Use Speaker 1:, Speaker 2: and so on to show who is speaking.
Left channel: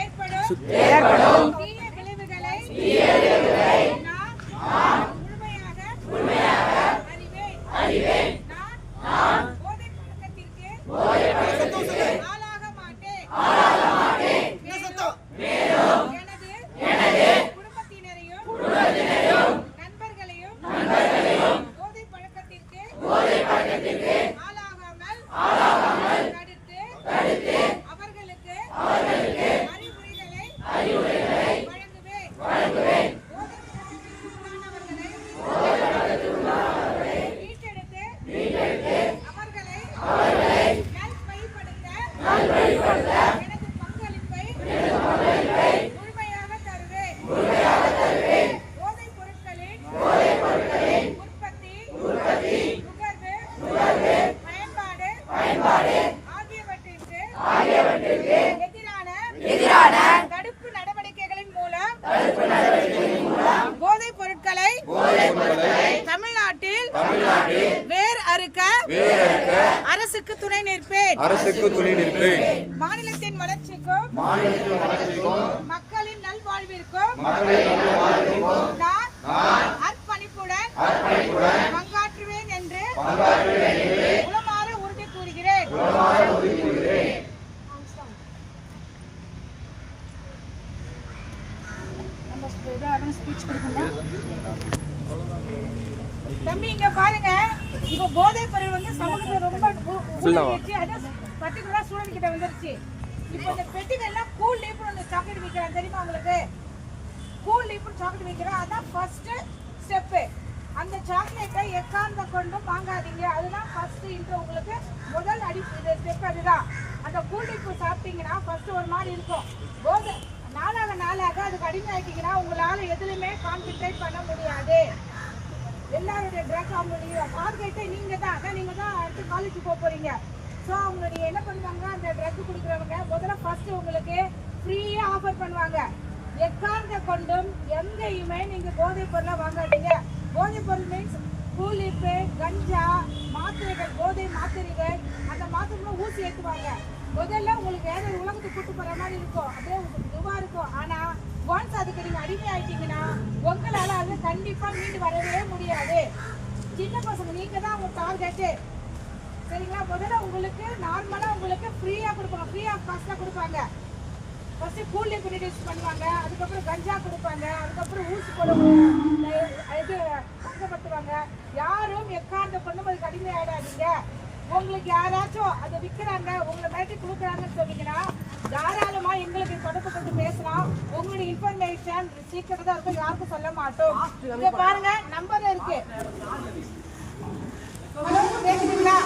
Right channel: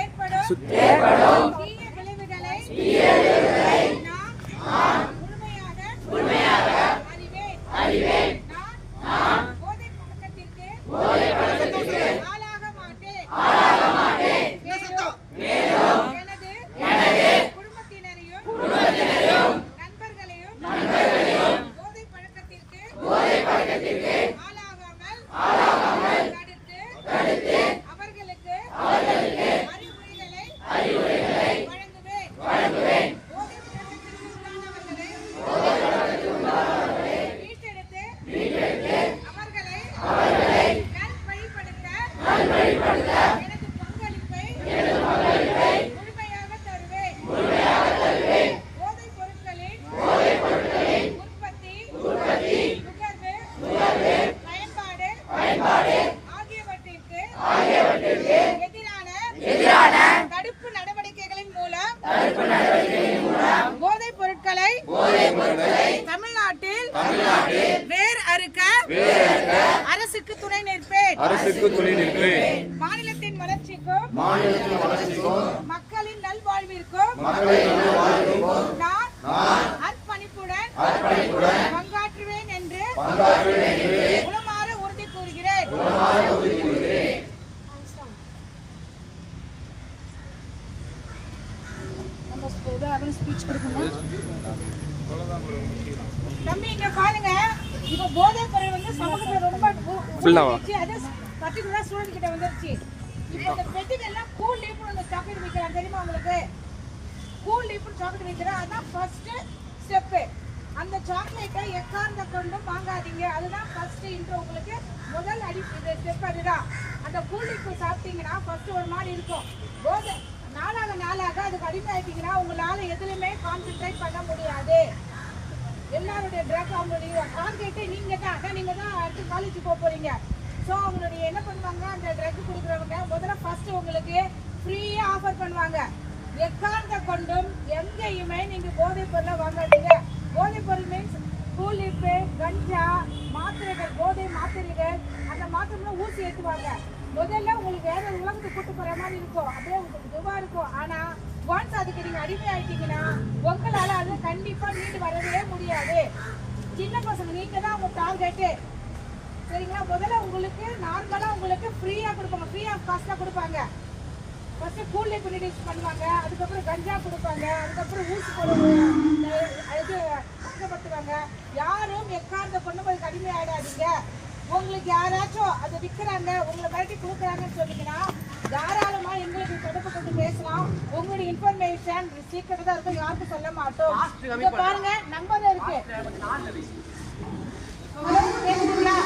Speaker 1: ஏற்படும். போதைப் பொருட்களை தமிழ்நாட்டில் வேர் அறுக்க அரசுக்கு துணை நிற்பேன்.
Speaker 2: அரசுக்கு துணை நிற்பேன்.
Speaker 1: மாநிலத்தின் வளர்ச்சிக்கும் மக்களின் நல்வாழ்விற்கும் நான் அர்ப்பணிப்புடன் பங்காற்றுவேன் என்று உளமாற உறுதி கூறுகிறேன். தம்பி இங்க பாருங்க. இப்ப பொருள் வந்து சமூகத்துல ரொம்ப உ- உருவாகிடுச்சு. அது பர்டிகுலரா ஸ்டூடெண்ட் கிட்ட வந்துருச்சு. இப்போ இந்த பெட்டிகள் எல்லாம் கூல் லீப்னு ஒன்று சாக்லேட் விற்கிறான் தெரியுமா உங்களுக்கு? கூல் லீப்னு சாக்லேட் விற்கிறேன் அதான் ஃபர்ஸ்ட் ஸ்டெப்பு அந்த சாக்லேட்டை எக்கார்ந்த கொண்டும் வாங்காதீங்க. அதுதான் ஃபர்ஸ்ட் இன்ட்ரோ உங்களுக்கு முதல் அடி இது ஸ்டெப் அதுதான். அந்த கூல் லீப் சாப்பிட்டீங்கன்னா ஃபர்ஸ்ட் ஒரு மாதிரி இருக்கும். போதை நாளாக நாளாக அதுக்கு அடிமையாயிட்டீங்கன்னா உங்களால் எதுலையுமே கான்சென்ட்ரேட் பண்ண முடியாது. எல்லாருடைய ட்ரக் அவங்களுடைய டார்கெட்டே நீங்கள் தான். அதான் நீங்கள் தான் அடுத்து காலேஜ் போக போகிறீங்க ஸோ அவங்களுடைய என்ன பண்ணுவாங்க? அந்த ட்ரக் கொடுக்குறவங்க முதல்ல ஃபஸ்ட்டு உங்களுக்கு ஃப்ரீயாக ஆஃபர் பண்ணுவாங்க. எக்கார்ந்த கொண்டும் எங்கேயுமே நீங்கள் போதைப் பொருளை வாங்காதீங்க. போதைப் பொருள் மீன்ஸ் கூலிப்பு கஞ்சா மாத்திரைகள் போதை மாத்திரைகள் அந்த மாத்திரைலாம் ஊசி ஏற்றுவாங்க முதல்ல உங்களுக்கு வேற ஒரு உலகத்துக்கு கூட்டு போற மாதிரி இருக்கும். அப்படியே உங்களுக்கு இதுவா இருக்கும். ஆனா ஒன்ஸ் அதுக்கு நீங்க அடிமை ஆயிட்டீங்கன்னா உங்களால அது கண்டிப்பா மீண்டு வரவே முடியாது. சின்ன பசங்க நீங்க தான் உங்க டார்கெட்டு சரிங்களா? முதல்ல உங்களுக்கு நார்மலாக உங்களுக்கு ஃப்ரீயாக கொடுக்கணும். ஃப்ரீ ஆஃப் காஸ்ட்டாக கொடுப்பாங்க. ஃபஸ்ட்டு கூலி இன்ட்ரடியூஸ் பண்ணுவாங்க. அதுக்கப்புறம் கஞ்சா கொடுப்பாங்க. அதுக்கப்புறம் ஊசி போடுவாங்க. இந்த பொண்ணு போய் கடுமை உங்களுக்கு யாராச்சும் அதை விற்கிறாங்க உங்களை மிரட்டி கொடுக்குறாங்கன்னு சொன்னீங்கன்னா தாராளமாக எங்களுக்கு தொடர்பு கொண்டு பேசலாம். உங்களுடைய இன்ஃபர்மேஷன் சீக்கிரம் தான் இருக்கும் யாருக்கும் சொல்ல மாட்டோம். இங்கே பாருங்க நம்பர் இருக்கு. பேசுறீங்களா?